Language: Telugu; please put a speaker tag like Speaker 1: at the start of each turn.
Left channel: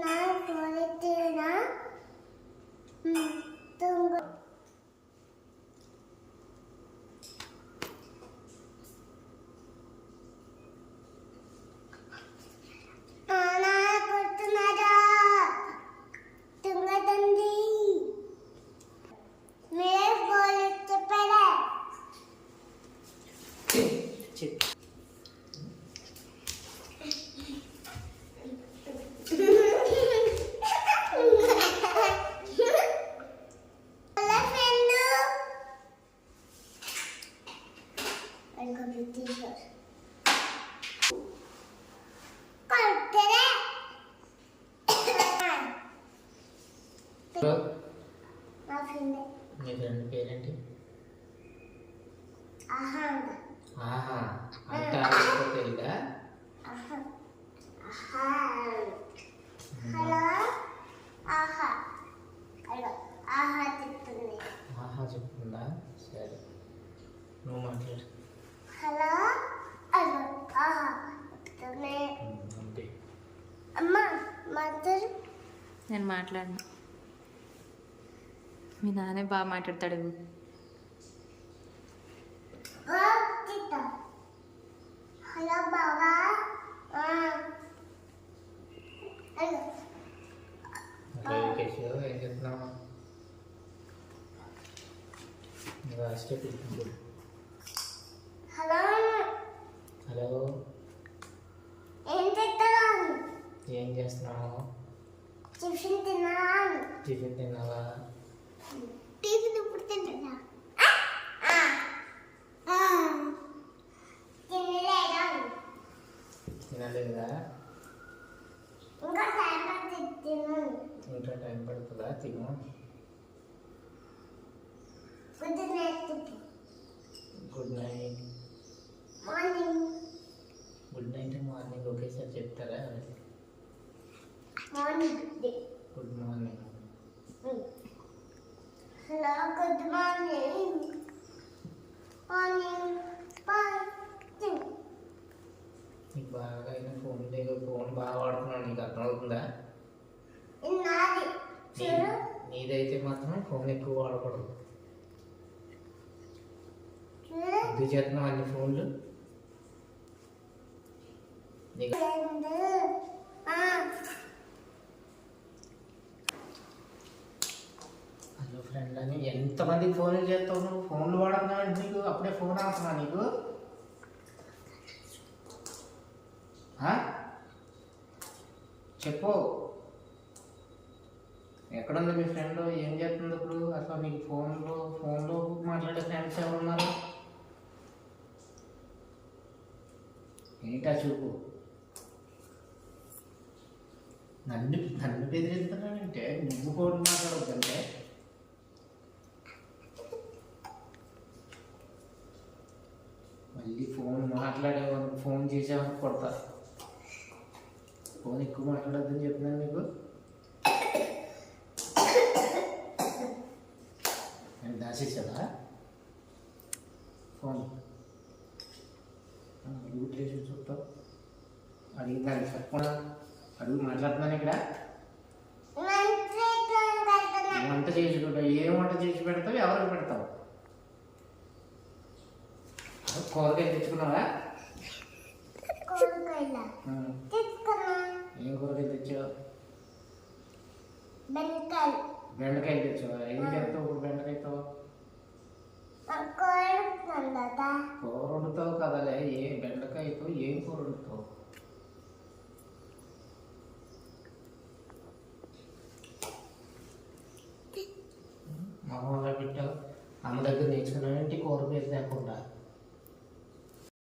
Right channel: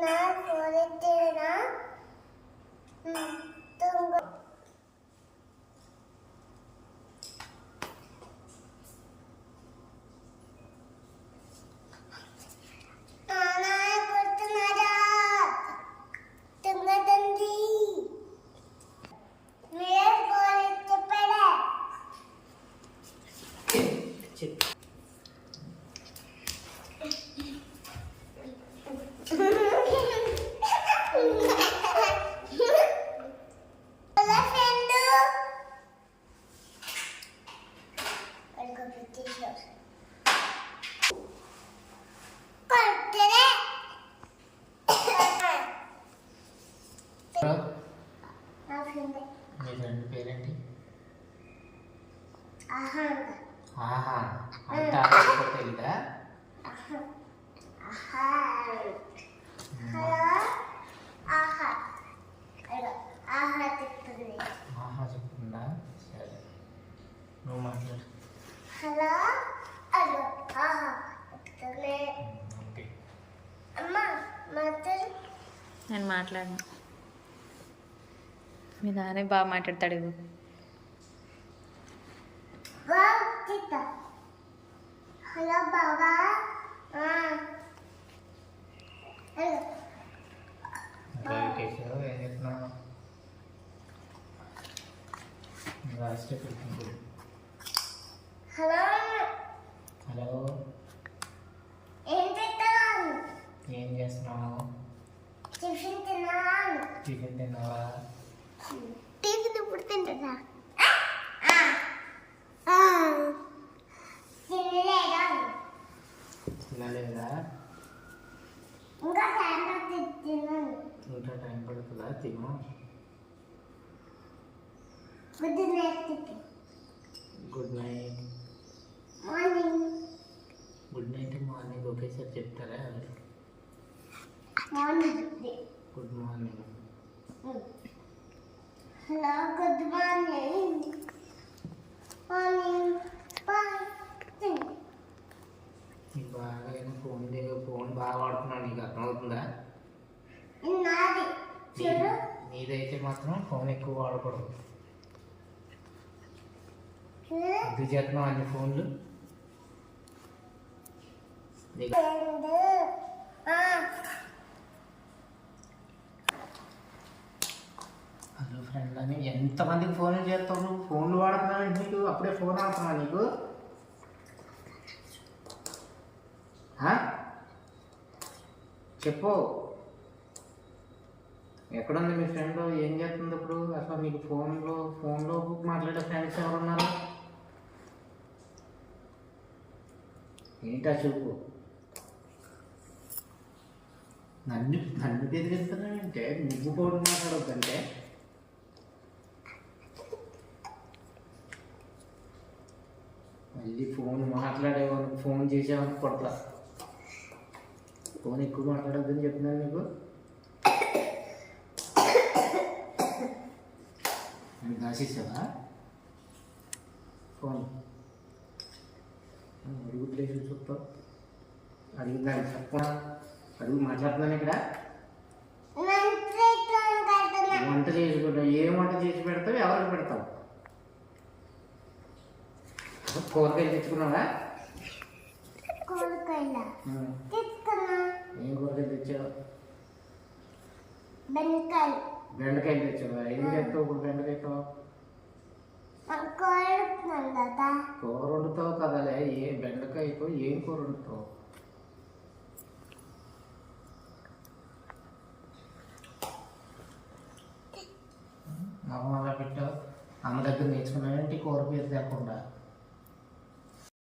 Speaker 1: 나, 머리 때나, 응, 동그. ఫ్రెండ్
Speaker 2: మీ ఫ్రెండ్ పేరేంటి
Speaker 1: ఆహా
Speaker 2: ఆహా అంత
Speaker 1: హలో ఆహా హలో ఆహా చెప్తుంది.
Speaker 2: ఆహా చెప్తుందా? సరే నువ్వు మాట్లాడు.
Speaker 1: హలో హలో ఆహా చెప్తుంది.
Speaker 2: అంతే
Speaker 1: అమ్మ మాట్లాడు.
Speaker 3: నేను మాట్లాడను. మీ నాన్నే బాగా మాట్లాడతాడు.
Speaker 2: వికేష్ ఏం చెప్తున్నావు రాష్ట్ర
Speaker 1: హలో.
Speaker 2: హలో.
Speaker 1: ఏం చేస్తున్నాను
Speaker 2: ఏం చేస్తున్నావు?
Speaker 1: టిఫిన్ తిన్నాను
Speaker 2: టిఫిన్ తిన్నావా?
Speaker 1: టిఫిన్ ఇప్పుడు తింటున్నా? తినలేదా? ఇంకా టైం
Speaker 2: ఇంకా తిను.
Speaker 1: Good night
Speaker 2: good night
Speaker 1: morning
Speaker 2: good night morning ఒకేసారి చెప్తారా?
Speaker 1: Morning
Speaker 2: good morning
Speaker 1: hello good morning morning bye
Speaker 2: నీకు బాగా అయిన ఫోన్ దగ్గర ఫోన్ బాగా వాడుతున్నావు నీకు అర్థమవుతుందా
Speaker 1: నాది
Speaker 2: నీ-
Speaker 1: చూడు
Speaker 2: ఇదైతే మాత్రం ఫోన్ ఎక్కువ వాడకూడదు.
Speaker 1: చూడు
Speaker 2: ఎందుకు అన్ని ఫోన్లు. హలో ఫ్రెండ్ అని ఎంతమందికి ఫోన్లు చేస్తావు నువ్వు? ఫోన్లు వాడుతున్నావు నీకు? అప్పుడే ఫోన్ అవసరమా నీకు? చెప్పు. ఎక్కడుంది మీ ఫ్రెండ్? ఏం చేస్తుంది ఇప్పుడు? అసలు మీకు ఫోన్లో ఫోన్లో మాట్లాడే ఫ్రెండ్స్ ఎవరున్నారు? ఏంటా చూపు నన్ను నన్ను బెదిరిస్తున్నానంటే నువ్వు ఫోన్ మాట్లాడొద్దంటే? మళ్ళీ ఫోన్ మాట్లాడేవానికి ఫోన్ చేసేవానికి కొడతా. ఫోన్ ఎక్కువ మాట్లాడొద్దని చెప్తున్నాను నీకు? నేను దాచేసావా ఫోన్ అడుగుట్లేసి చూస్తావు అడిగిందాన్ని చెప్పనా? అడుగు మాట్లాడుతున్నాను ఇక్కడ. వంట చేసి పెడతావు. ఏం వంట చేసి పెడతావు? ఎవరికి పెడతావు? కూరగాయలు తెచ్చుకున్నావా? ఏం కూరగాయలు తెచ్చావు?
Speaker 1: బెండకాయలు.
Speaker 2: తెచ్చావా? ఏం చేస్తావు ఇప్పుడు బెండకాయతో? కూర వండుతావు కదలే ఏ బెండకాయతో ఏం కూర వండుతావు మొహం అలా పెట్టావు అమ్మ దగ్గర నేర్చుకున్నావేంటి? కూర పేరు తేకుండా